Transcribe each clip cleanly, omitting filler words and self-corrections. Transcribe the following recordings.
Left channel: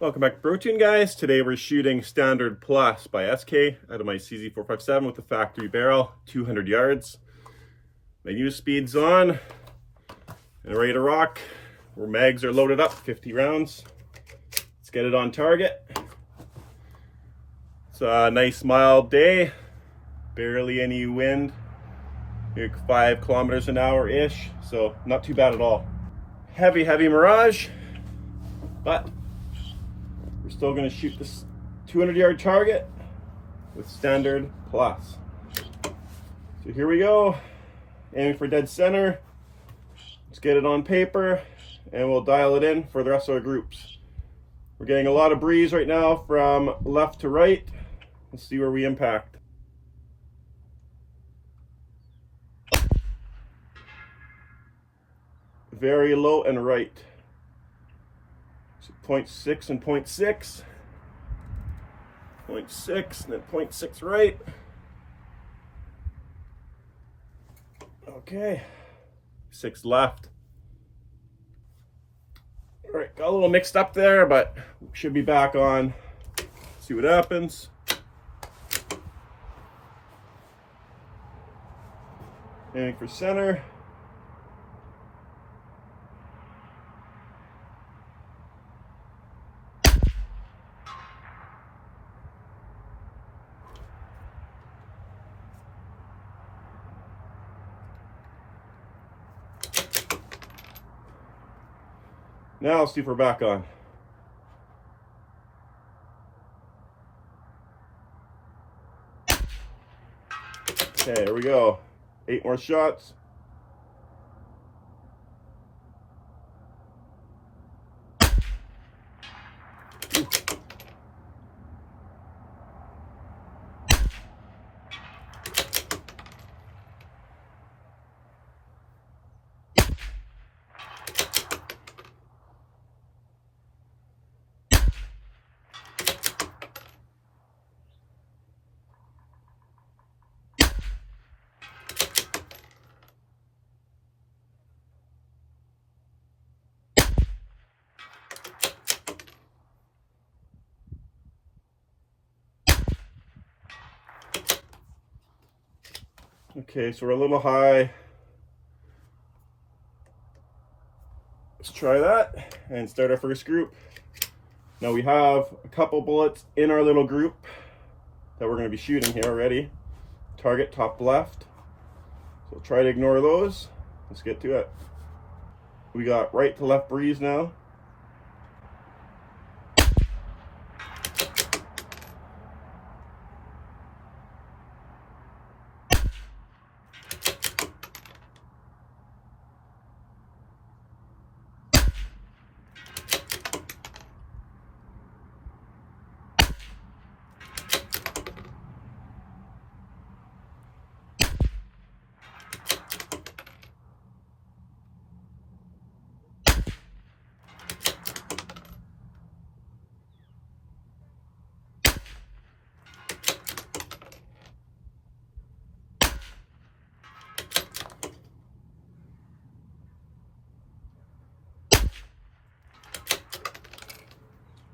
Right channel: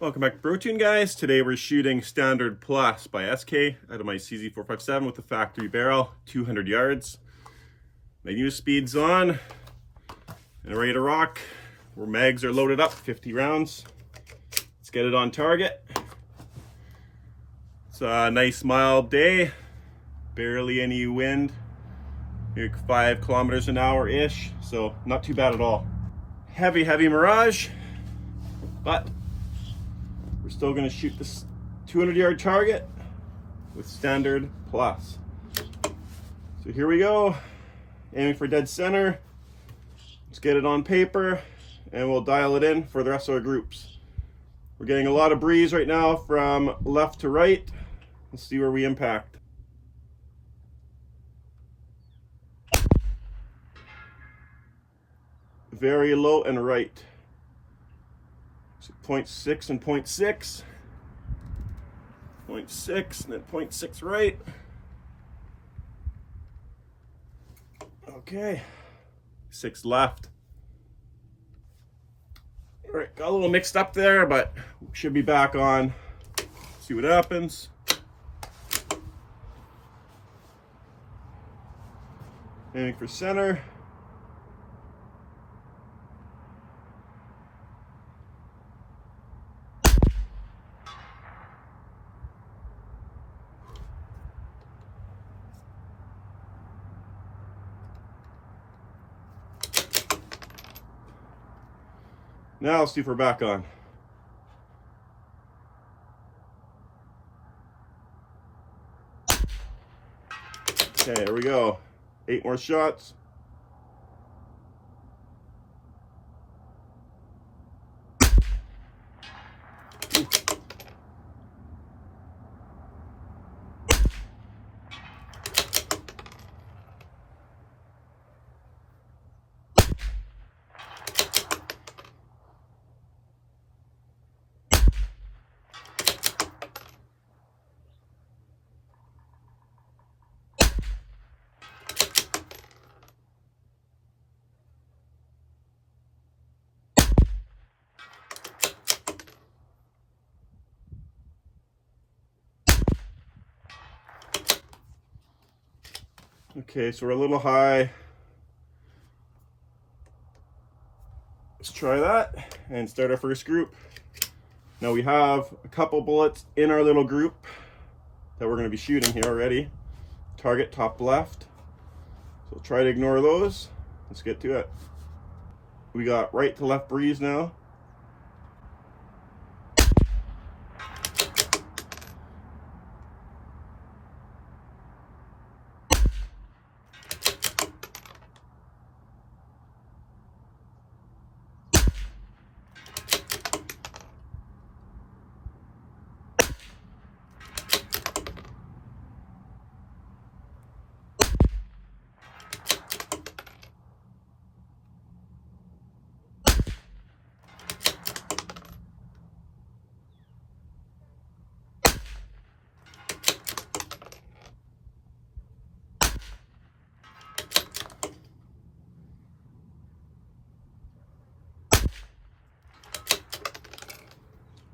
Welcome back to Brotuned, guys. Today we're shooting Standard Plus by SK out of my CZ457 with the factory barrel, 200 yards. My use speed's on and ready to rock. Our mags are loaded up, 50 rounds. Let's get it on target. It's a nice mild day, barely any wind, like 5 kilometers an hour-ish, so not too bad at all. Heavy mirage, but we're still going to shoot this 200-yard target with Standard Plus. So here we go, aiming for dead center. Let's get it on paper and we'll dial it in for the rest of our groups. We're getting a lot of breeze right now from left to right. Let's see where we impact. Very low and right. So 0.6 and 0.6. 0.6 and then 0.6 right. Okay. 6 left. All right, got a little mixed up there, but should be back on. See what happens. Aiming for center. Now let's see if we're back on. Okay, here we go. 8 more shots. Ooh. Okay, so we're a little high. Let's try that and start our first group. Now we have a couple bullets in our little group that we're going to be shooting here already. Target top left. So try to ignore those. Let's get to it. We got right to left breeze now.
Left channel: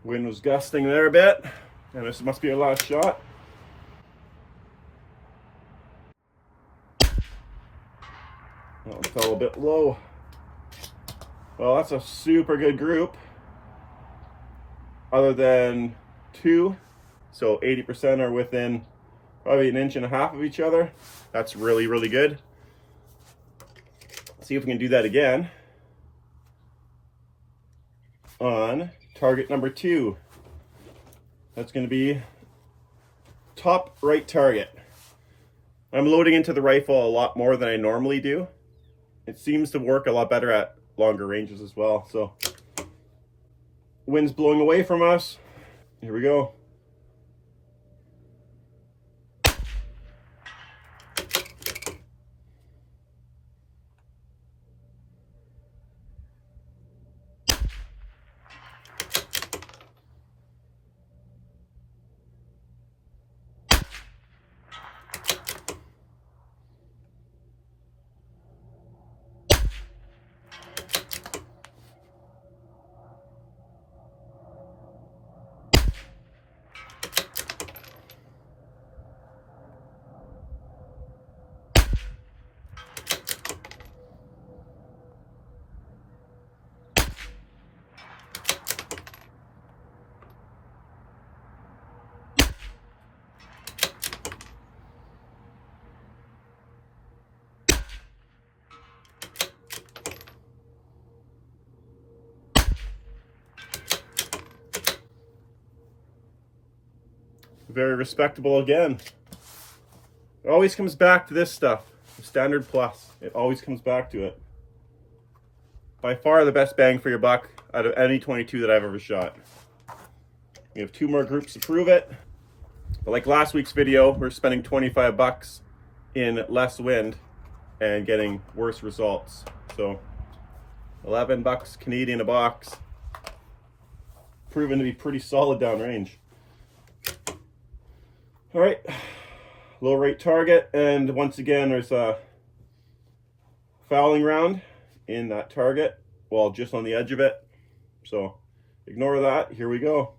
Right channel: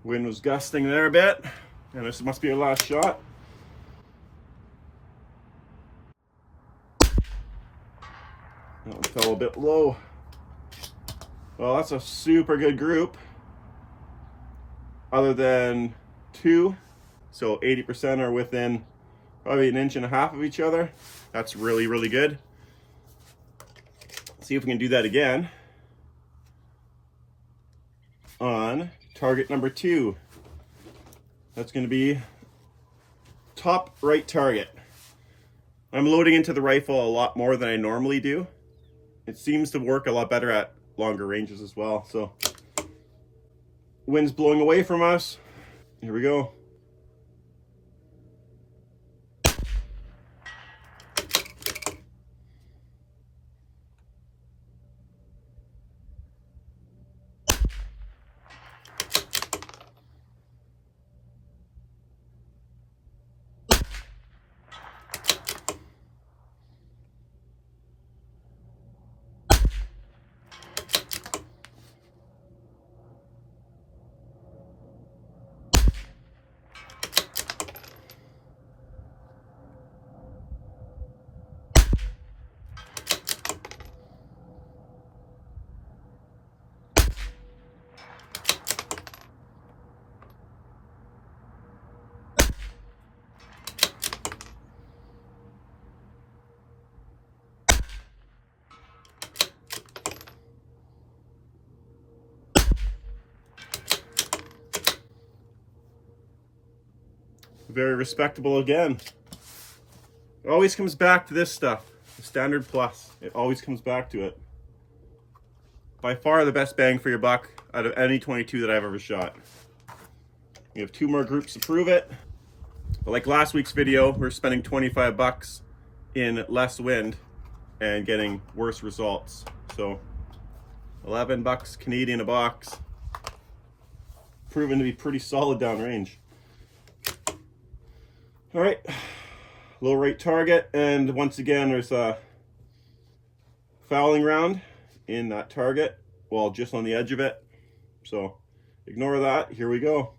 Wind was gusting there a bit, and this must be our last shot. That one fell a bit low. Well, that's a super good group, other than 2. So 80% are within probably 1.5 inches of each other. That's really good. Let's see if we can do that again on target number 2. That's going to be top right target. I'm loading into the rifle a lot more than I normally do. It seems to work a lot better at longer ranges as well. So wind's blowing away from us. Here we go. very respectable again. It always comes back to this stuff, the Standard Plus. It always comes back to it. By far the best bang for your buck out of any 22 that I've ever shot. We have 2 more groups to prove it. But like last week's video, we're spending 25 bucks in less wind and getting worse results. So 11 bucks Canadian a box. Proven to be pretty solid downrange. All right, low rate target, and once again there's a fouling round in that target, well, just on the edge of it. So ignore that. Here we go.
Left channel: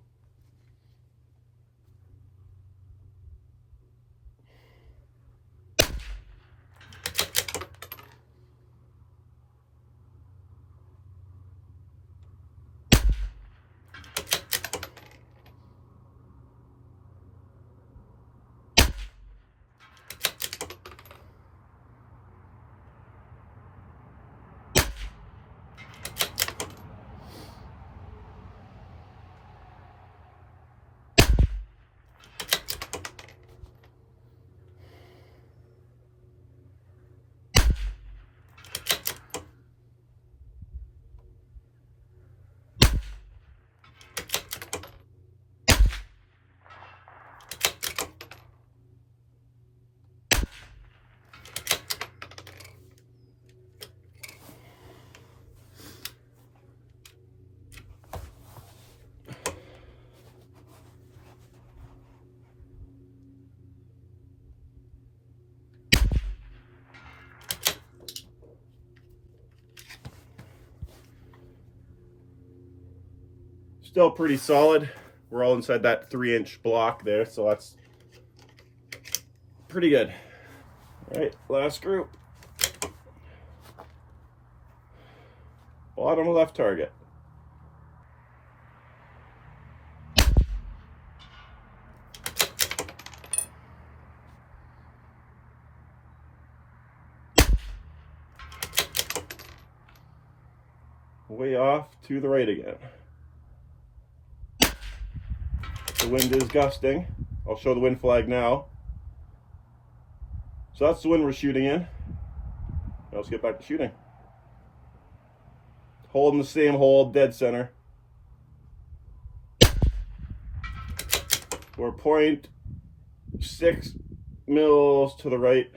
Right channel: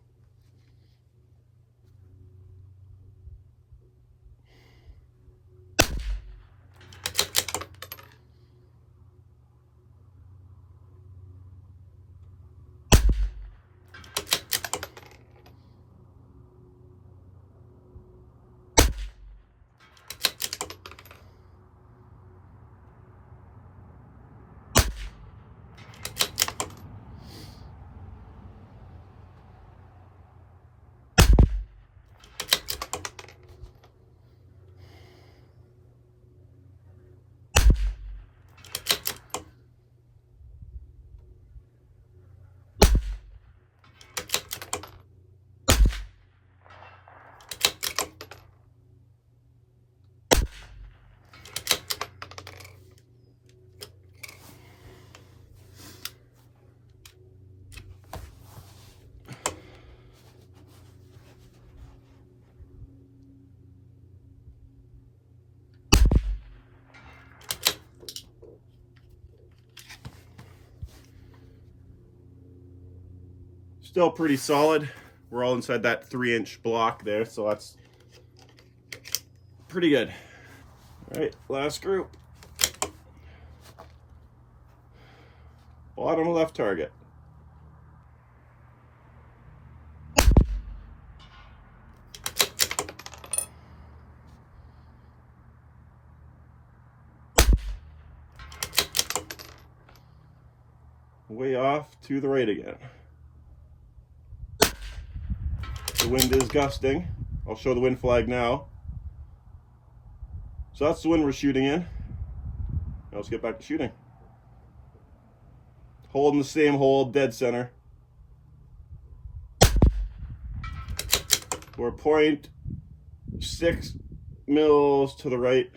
Still pretty solid. We're all inside that 3-inch block there, so that's pretty good. All right, last group. Bottom left target. Way off to the right again. The wind is gusting. I'll show the wind flag now. So that's the wind we're shooting in. Now let's get back to shooting. Holding the same hold, dead center. We're 0.6 mils to the right.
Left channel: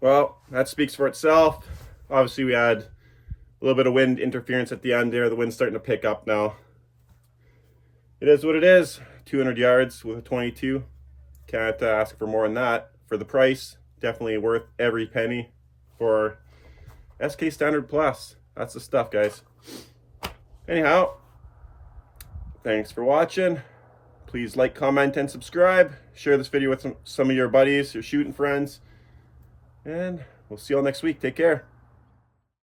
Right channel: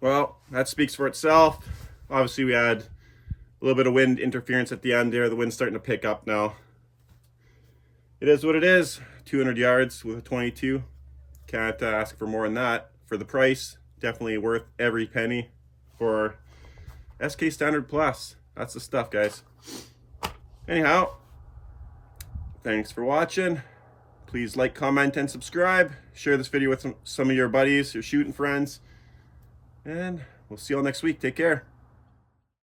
Well, that speaks for itself. Obviously, we had a little bit of wind interference at the end there. The wind's starting to pick up now. It is what it is. 200 yards with a 22. Can't ask for more than that. For the price, definitely worth every penny for SK Standard Plus. That's the stuff, guys. Anyhow, thanks for watching. Please like, comment, and subscribe. Share this video with some of your buddies, your shooting friends. And we'll see you all next week. Take care.